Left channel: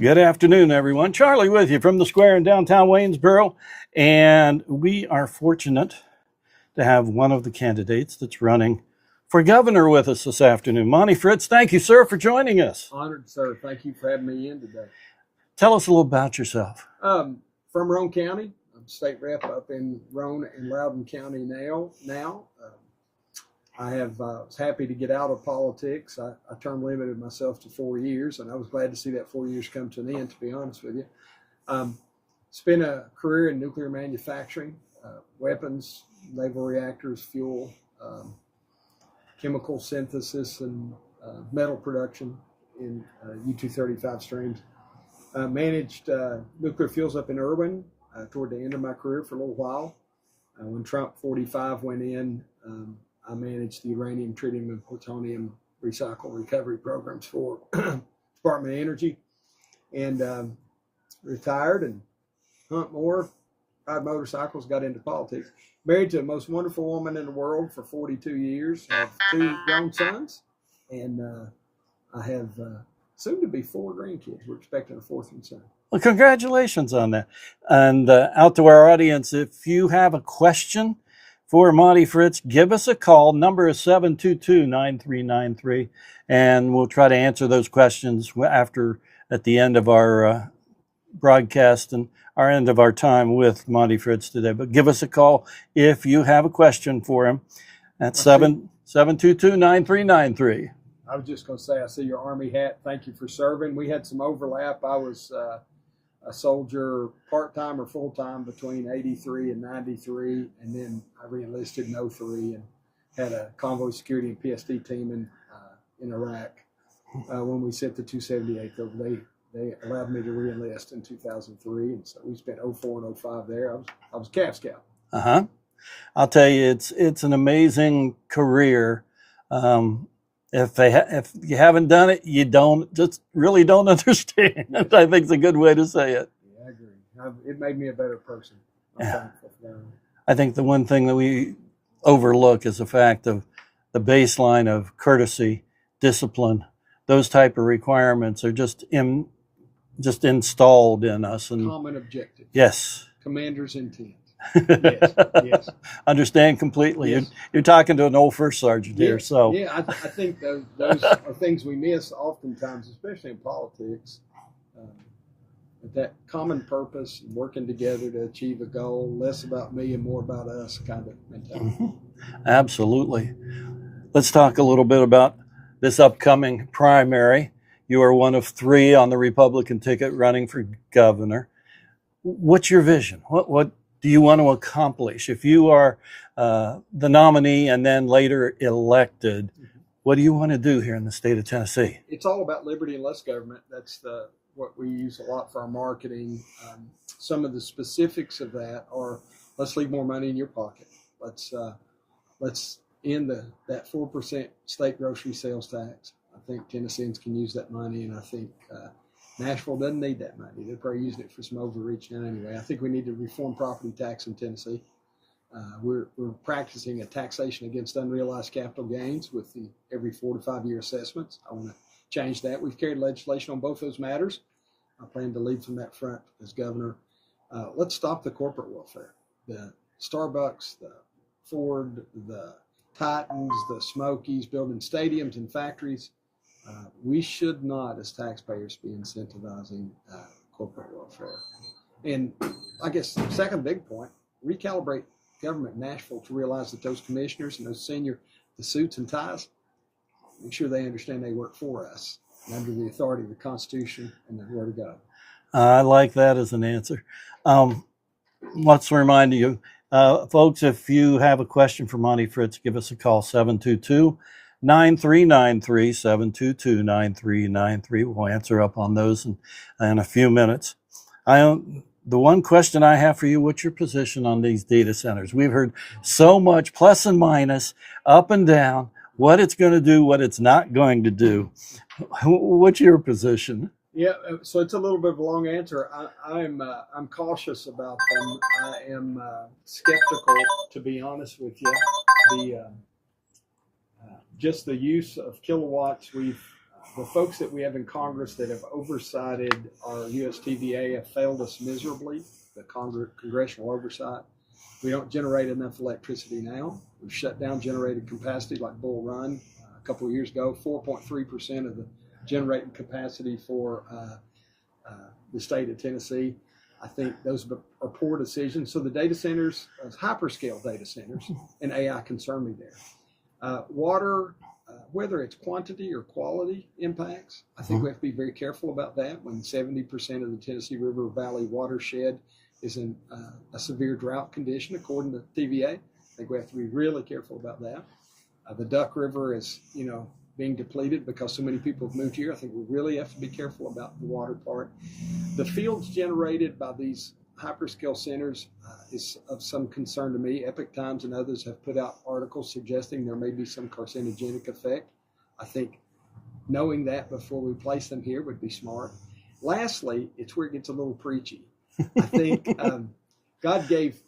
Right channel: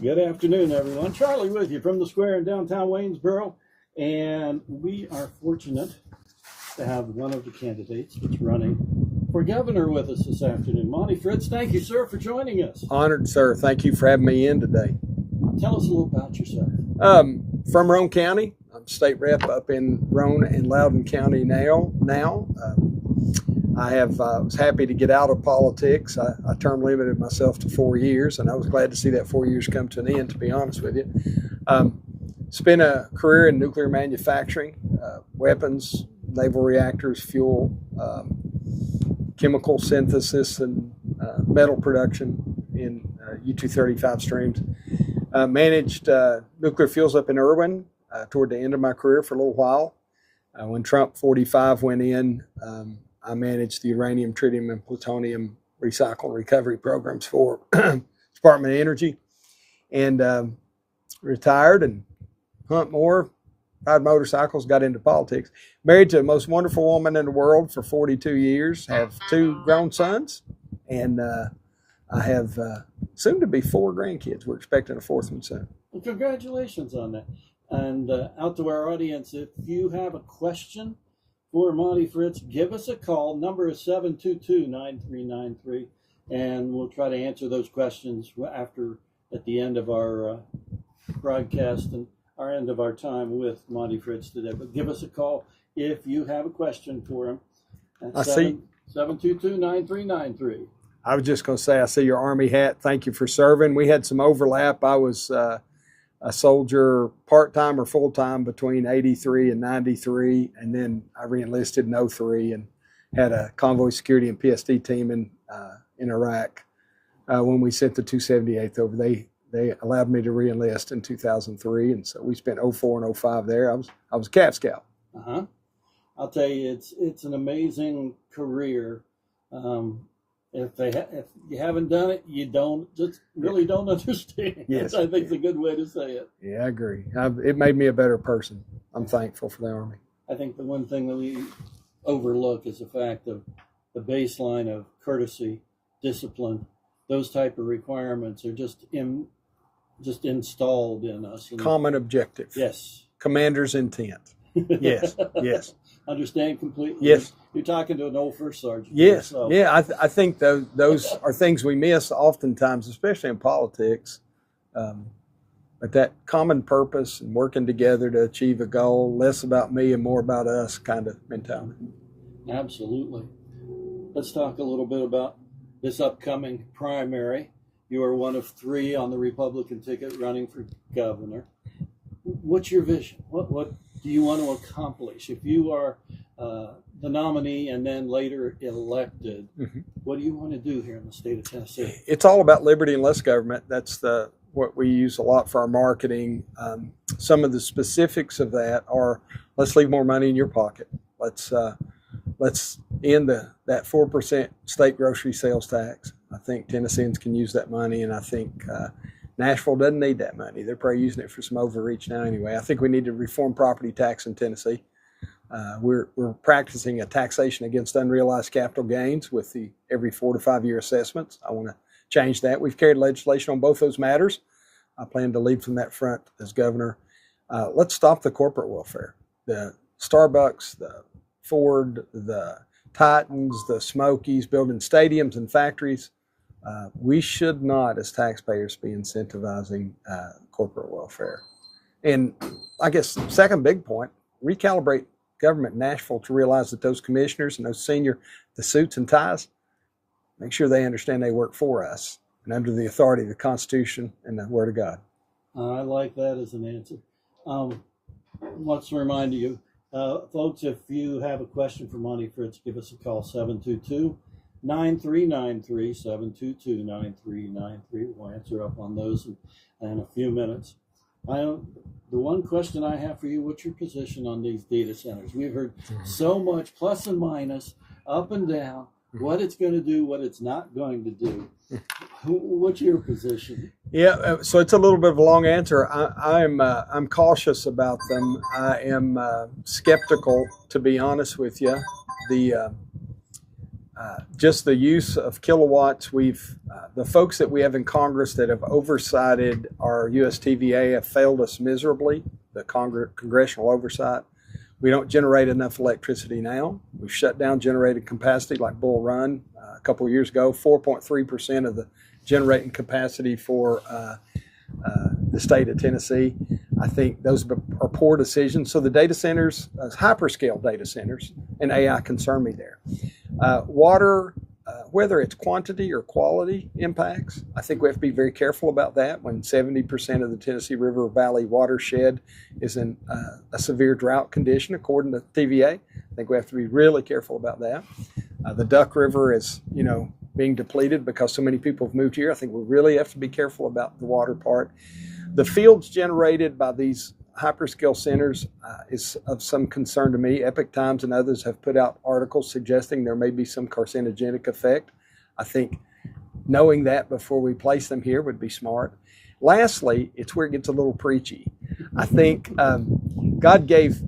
Good afternoon, everyone. Charlie with you from the Square in downtown Waynesboro. And we are fortunate to have one of the candidates that's running for governor with us this afternoon. Monty Fritts, thank you, sir, for joining us. Honored, sir. Thank you for having me in today. Tell us a little about yourself. From Roane County. I'm state rep up in Roane and Loudoun County now. I was happy to get out of politics. I term limited myself to 4 years, and I was glad to see that 4 years come to an end, to be honest with you. Spent a career in nuclear manufacturing, weapons, naval reactors, fuel, chemical synthesis, and metal production in U-235 streams. Managed nuclear fuels up in Irwin toward the end of my career for a little while. When Trump 45 went in, I managed the uranium, tritium, and plutonium recycle and recovery programs for Department of Energy, and retired and hunt more, ride motorcycles, got into politics. Married to the most wonderful woman in the world for 42 years, have 2 grown sons, and I have soon to be 4 grandkids. We're expecting a 4th one soon. Well, congratulations on that. And out to our audience, if you have a question for Monty Fritts, give us a call. Number is 722-9393, and we'll try to answer those questions at the end of our broadcast and our end of our time with Monty Fritts today. But give us a call if you have a question for him at 722-9393. I was just going to say, I see your Army hat. Thank you for serving. We had some overlap. I was a soldier part-time or full-time between 83 and 93, and then I re-enlisted in 03 and had a convoy security and PSD team in Iraq. When we sent the 278th over, they allowed me to re-enlist in 2003, and so we spent 04 and 05 there. I was a Cap Scout. I'll tell you, it's an amazing career. If you haven't done it, you really don't understand. Yes. I think it's a good way to say it. Yeah, I agree. It made me a better person. I'm thankful for the Army. I think the one thing that we overlook is the fact of the baseline of courtesy, discipline. Those type of requirements are just installed in us. And common objective. Yes. Commander's intent. Yes, yes. Understand completely. Yes. You're talking to an old first sergeant. Yes. Here, so. Yeah, I think those are things we miss oftentimes, especially in politics. But that common purpose and working together to achieve a goal, less about me and more about us kind of mentality. Mm-hmm. Absolutely. Let's talk a little bit about this upcoming primary. You are one of 3 on the Republican ticket running for governor. What's your vision? What do you want to accomplish? If you are the nominee and then later elected, what do you want to do here in the state of Tennessee? It's all about liberty and less government. That's what we use a lot for our marketing. Some of the specifics of that are, let's leave more money in your pocket. Let's end that 4% state grocery sales tax. I think Tennesseans can use that money, and I think Nashville doesn't need that money. They're probably using it for some overreach now anyway. I think we need to reform property tax in Tennessee. We're practicing a taxation against unrealized capital gains with the every 4 to 5 year assessments. I want to change that. We've carried legislation on both those matters. I plan to lead from that front as governor. Let's stop the corporate welfare. The Starbucks, the Ford, the Titans, the Smokies, building stadiums and factories. We should not, as taxpayers, be incentivizing corporate welfare. And I guess second big point, recalibrate government in Nashville to realize that those commissioners and those the suits and ties, make sure they understand they work for us and under the authority of the Constitution and the Word of God. I like that as an answer. Let's remind you, folks, if you have a question for Monty Fritts, give us a call, 722-9393, 722-9393. We'll answer up on those in a few minutes. The one question I have for you, what's your position on these data centers? We've heard so much plus and minus, up and down, what it's going to do, what it's not going to do. What's your position? Yeah, so it's a little bit of a long answer. I'm cautious about them. I am skeptical, to be honest with you. just the use of kilowatts. The folks that we have in Congress that have oversighted our USTVA have failed us miserably, the congressional oversight. We don't generate enough electricity now. We've shut down generating capacity like Bull Run a couple of years ago, 4.3% of the generating capacity for the state of Tennessee. I think those are poor decisions. So the data centers, hyperscale data centers, and AI concern me there. Water, whether it's quantity or quality impacts, I think we have to be very careful about that when 70% of the Tennessee River Valley watershed is in a severe drought condition, according to TVA. I think we have to be really careful about that. The Duck River is, being depleted because so many people have moved here. I think we really have to be careful about the water part. The fields generated by these hyperscale centers is of some concern to me. Epoch Times and others have put out articles suggesting there may be some carcinogenic effect. I think knowing that before we place them here would be smart. Lastly, it's where it gets a little preachy. I think God gave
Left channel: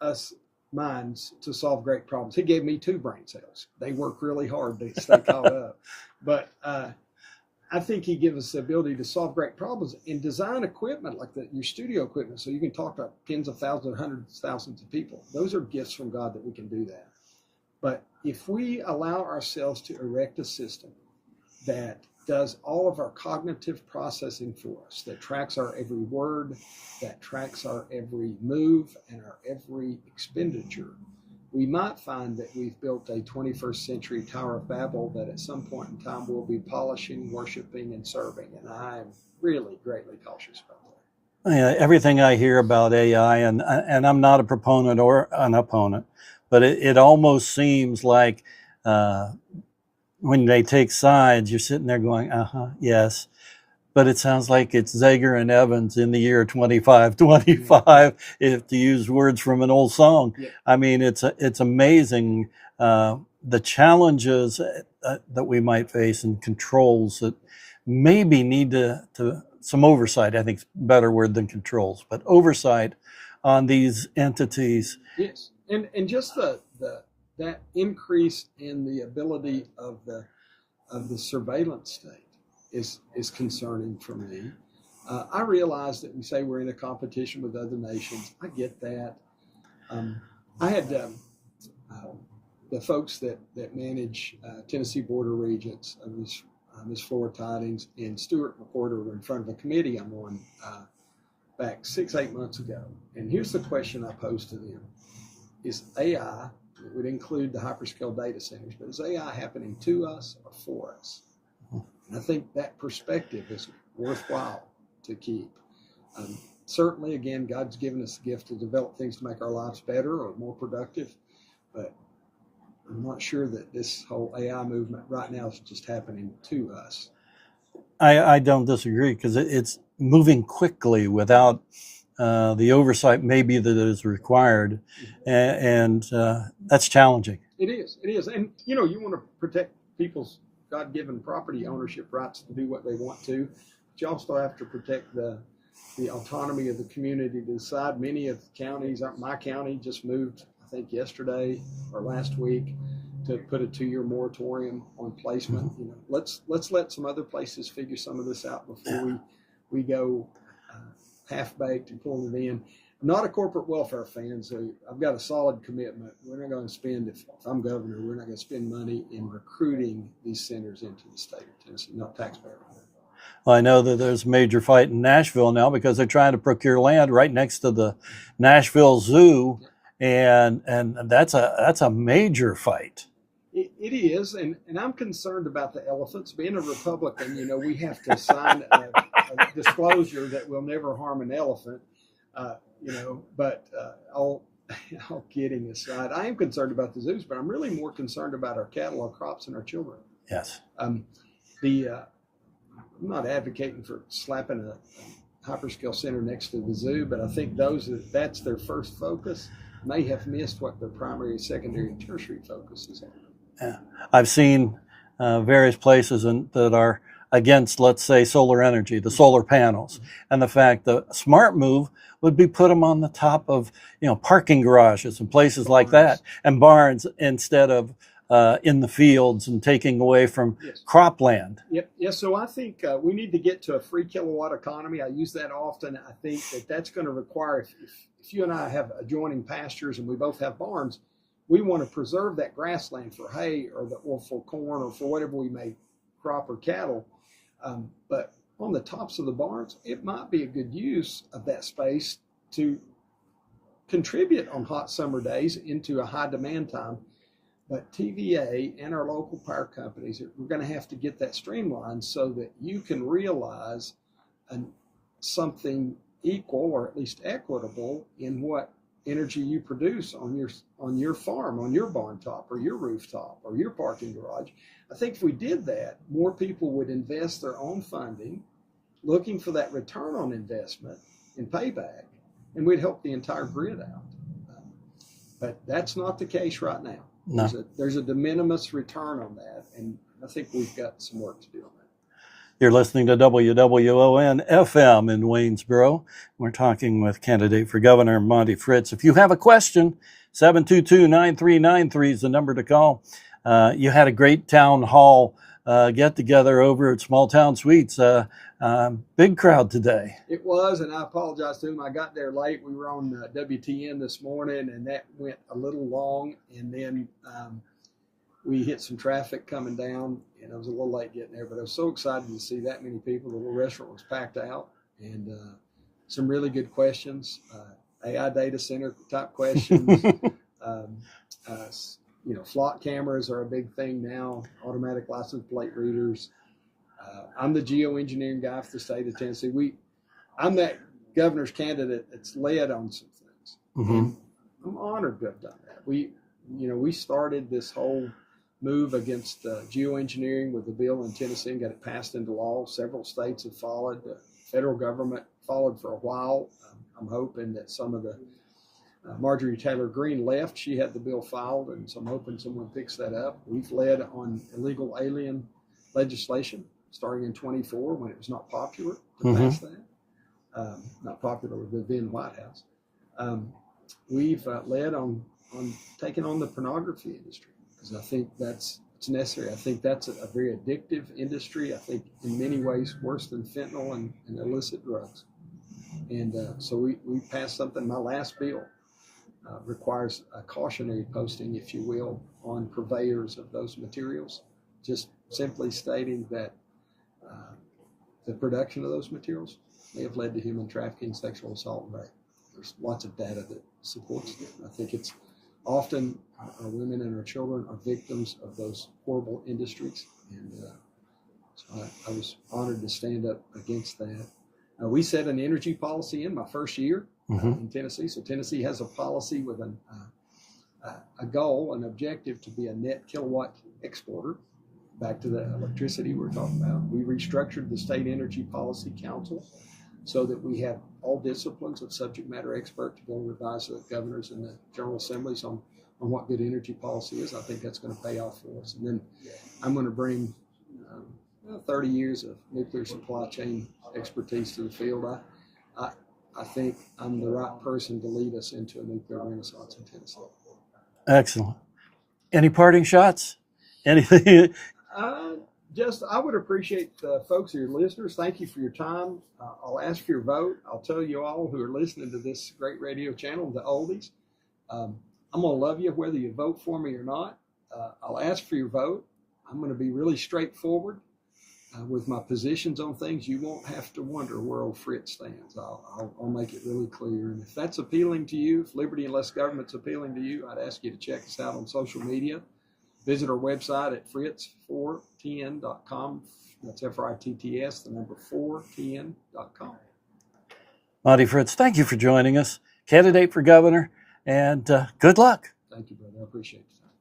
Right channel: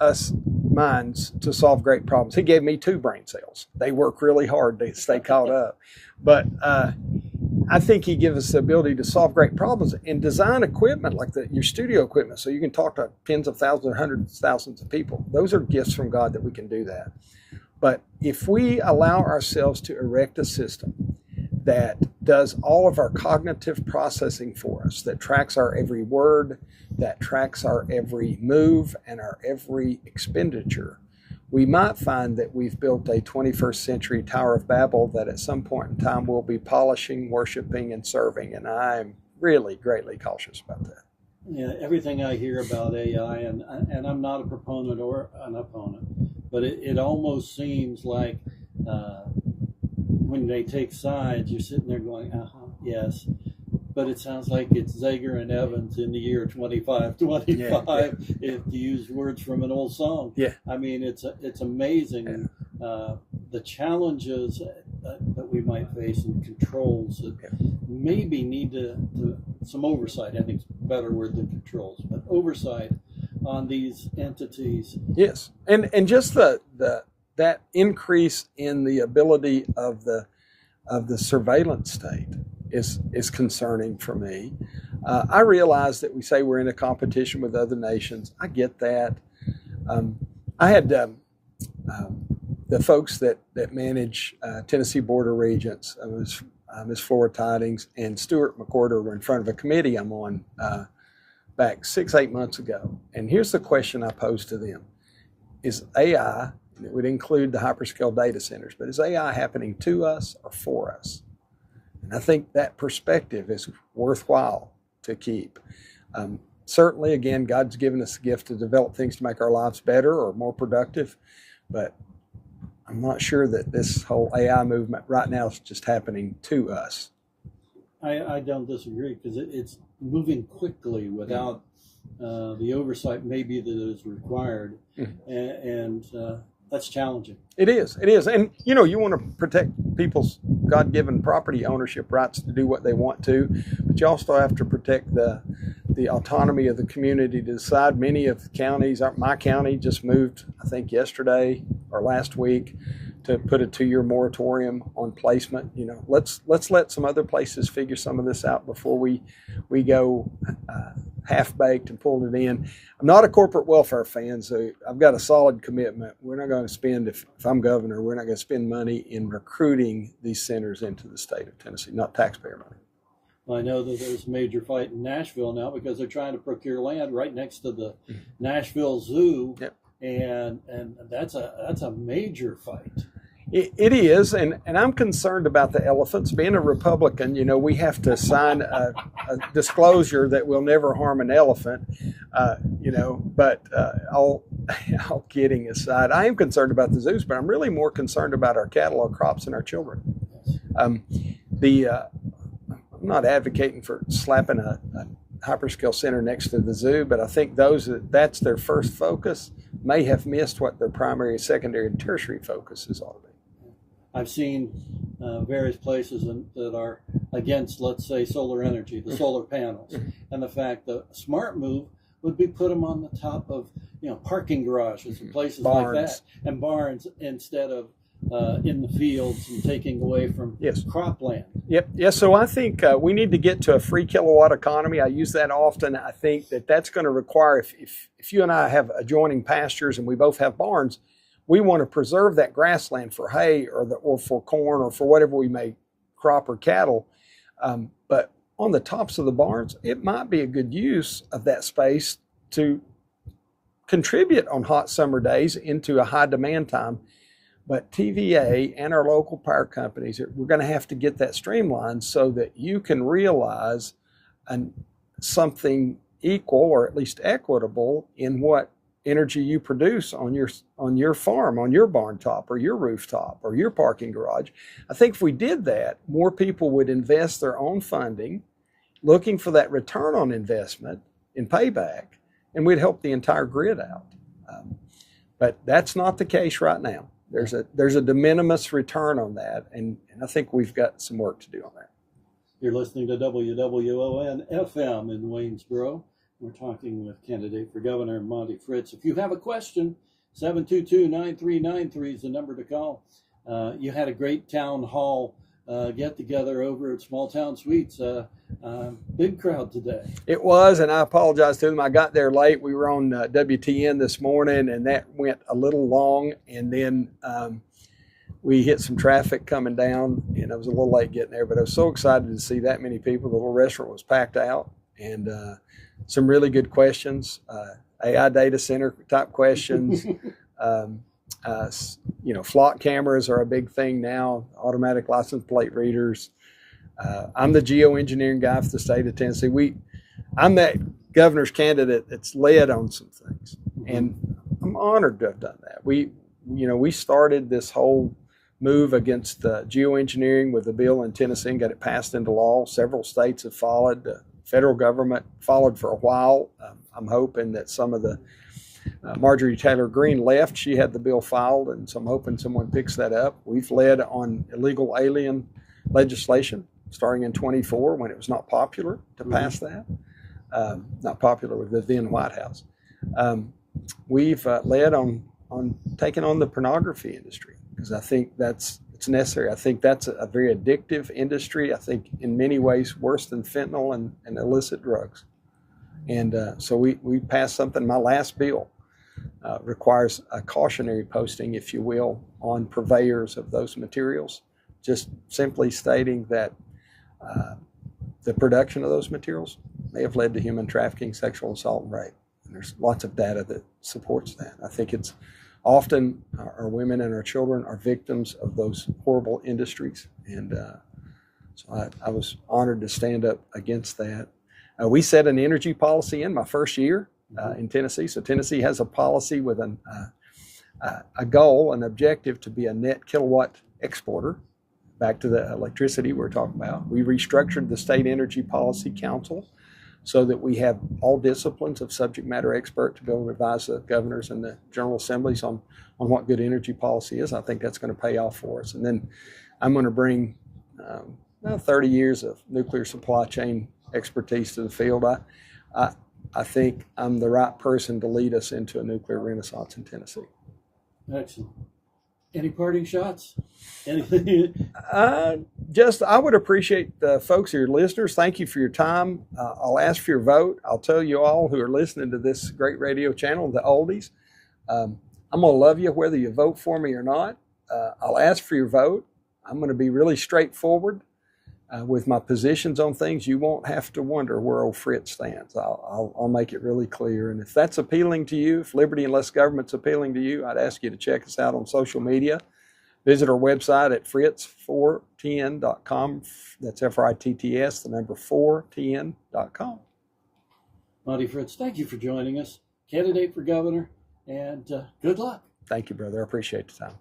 us minds to solve great problems. He gave me 2 brain cells. They work really hard to stay caught up. But I think he gives us the ability to solve great problems and design equipment like your studio equipment so you can talk to tens of thousands or hundreds of thousands of people. Those are gifts from God that we can do that. But if we allow ourselves to erect a system that does all of our cognitive processing for us, that tracks our every word, that tracks our every move and our every expenditure, we might find that we've built a 21st century Tower of Babel that at some point in time we'll be polishing, worshiping, and serving. And I'm really greatly cautious about that. Yeah, everything I hear about AI, and I'm not a proponent or an opponent, but it almost seems like when they take sides, you're sitting there going, yes. But it sounds like it's Zager and Evans in the year 2525, if to use words from an old song. Yeah. I mean, it's amazing the challenges that we might face and controls that maybe need to some oversight. I think is a better word than controls, but oversight on these entities. Yes, and just that increase in the ability of the surveillance state is concerning for me. I realize that we say we're in a competition with other nations. I get that. I had the folks that manage Tennessee Board of Regents, Ms. Flora Tidings and Stuart McCorder were in front of a committee I'm on back 6-8 months ago. And here's the question I posed to them. Is AI, it would include the hyperscale data centers, but is AI happening to us or for us? And I think that perspective is worthwhile to keep. Certainly, again, God's given us the gift to develop things to make our lives better or more productive, but I'm not sure that this whole AI movement right now is just happening to us. I don't disagree because it's moving quickly without the oversight maybe that is required, and that's challenging. It is. And you want to protect people's God-given property ownership rights to do what they want to, but you also have to protect the autonomy of the community to decide. Many of the counties, my county just moved, I think yesterday or last week, to put a 2-year moratorium on placement. Let's let some other places figure some of this out before we go half-baked and pull it in. I'm not a corporate welfare fan, so I've got a solid commitment. We're not going to spend, if I'm governor, we're not going to spend money in recruiting these centers into the state of Tennessee, not taxpayer money. Well, I know that there's a major fight in Nashville now because they're trying to procure land right next to the Nashville Zoo, and that's a major fight. It is, and I'm concerned about the elephants. Being a Republican, we have to sign a disclosure that we'll never harm an elephant, but all kidding aside, I am concerned about the zoos, but I'm really more concerned about our cattle, our crops, and our children. Yes. I'm not advocating for slapping a hyperscale center next to the zoo, but I think that's their first focus may have missed what their primary, secondary, and tertiary focuses are. Yeah. I've seen various places that are against, let's say, solar energy, the solar panels, and the fact the smart move would be put them on the top of parking garages and places like that, and barns instead of in the fields and taking away from Yes. cropland. Yep. Yes. So I think we need to get to a free kilowatt economy. I use that often. I think that's going to require, if you and I have adjoining pastures and we both have barns, we want to preserve that grassland for hay or for corn or for whatever we may crop or cattle. But on the tops of the barns, it might be a good use of that space to contribute on hot summer days into a high demand time. But TVA and our local power companies, we're going to have to get that streamlined so that you can realize something equal or at least equitable in what energy you produce on your farm, on your barn top or your rooftop or your parking garage. I think if we did that, more people would invest their own funding, looking for that return on investment in payback, and we'd help the entire grid out. But that's not the case right now. There's a de minimis return on that, and I think we've got some work to do on that. You're listening to WWON FM in Waynesboro. We're talking with candidate for governor Monty Fritts. If you have a question, 722-9393 is the number to call. You had a great town hall get together over at Small Town Suites. Big crowd today. It was, and I apologize to them. I got there late. We were on WTN this morning, and that went a little long. And then we hit some traffic coming down, and I was a little late getting there. But I was so excited to see that many people. The little restaurant was packed out, and some really good questions, AI data center type questions. Flock cameras are a big thing now, automatic license plate readers. I'm the geoengineering guy for the state of Tennessee. I'm that governor's candidate that's led on some things, and I'm honored to have done that. We started this whole move against geoengineering with the bill in Tennessee and got it passed into law. Several states have followed. The federal government followed for a while. I'm hoping that some of the Marjorie Taylor Greene left. She had the bill filed, and so I'm hoping someone picks that up. We've led on illegal alien legislation starting in 24 when it was not popular to pass that. Not popular with the then White House. We've led on taking on the pornography industry because I think it's necessary. I think that's a very addictive industry. I think in many ways worse than fentanyl and illicit drugs. And so we passed something. My last bill requires a cautionary posting, if you will, on purveyors of those materials, just simply stating that the production of those materials may have led to human trafficking, sexual assault, and rape. And there's lots of data that supports that. I think it's often our women and our children are victims of those horrible industries. And so I was honored to stand up against that. We set an energy policy in my first year in Tennessee. So Tennessee has a policy with a goal, an objective to be a net kilowatt exporter. Back to the electricity we're talking about. We restructured the State Energy Policy Council so that we have all disciplines of subject matter expert to be able to advise the governors and the General Assemblies on what good energy policy is. I think that's going to pay off for us. And then I'm going to bring 30 years of nuclear supply chain expertise to the field. I think I'm the right person to lead us into a nuclear renaissance in Tennessee. Excellent. Any parting shots? Anything? I would appreciate folks, your listeners. Thank you for your time. I'll ask for your vote. I'll tell you all who are listening to this great radio channel, the Oldies, I'm going to love you whether you vote for me or not. I'll ask for your vote. I'm going to be really straightforward with my positions on things. You won't have to wonder where old Fritz stands. I'll make it really clear. And if that's appealing to you, if liberty and less government's appealing to you, I'd ask you to check us out on social media. Visit our website at fritts4tn.com. That's FRITTS, the number 4tn.com. Monty Fritts, thank you for joining us. Candidate for governor, and good luck. Thank you, brother. I appreciate the time.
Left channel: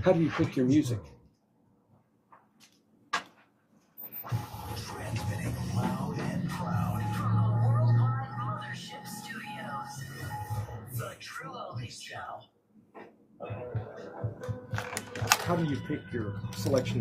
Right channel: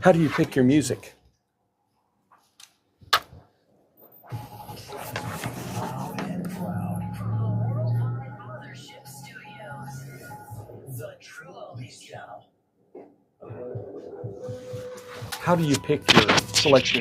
How do you pick your music? How do you pick your selection?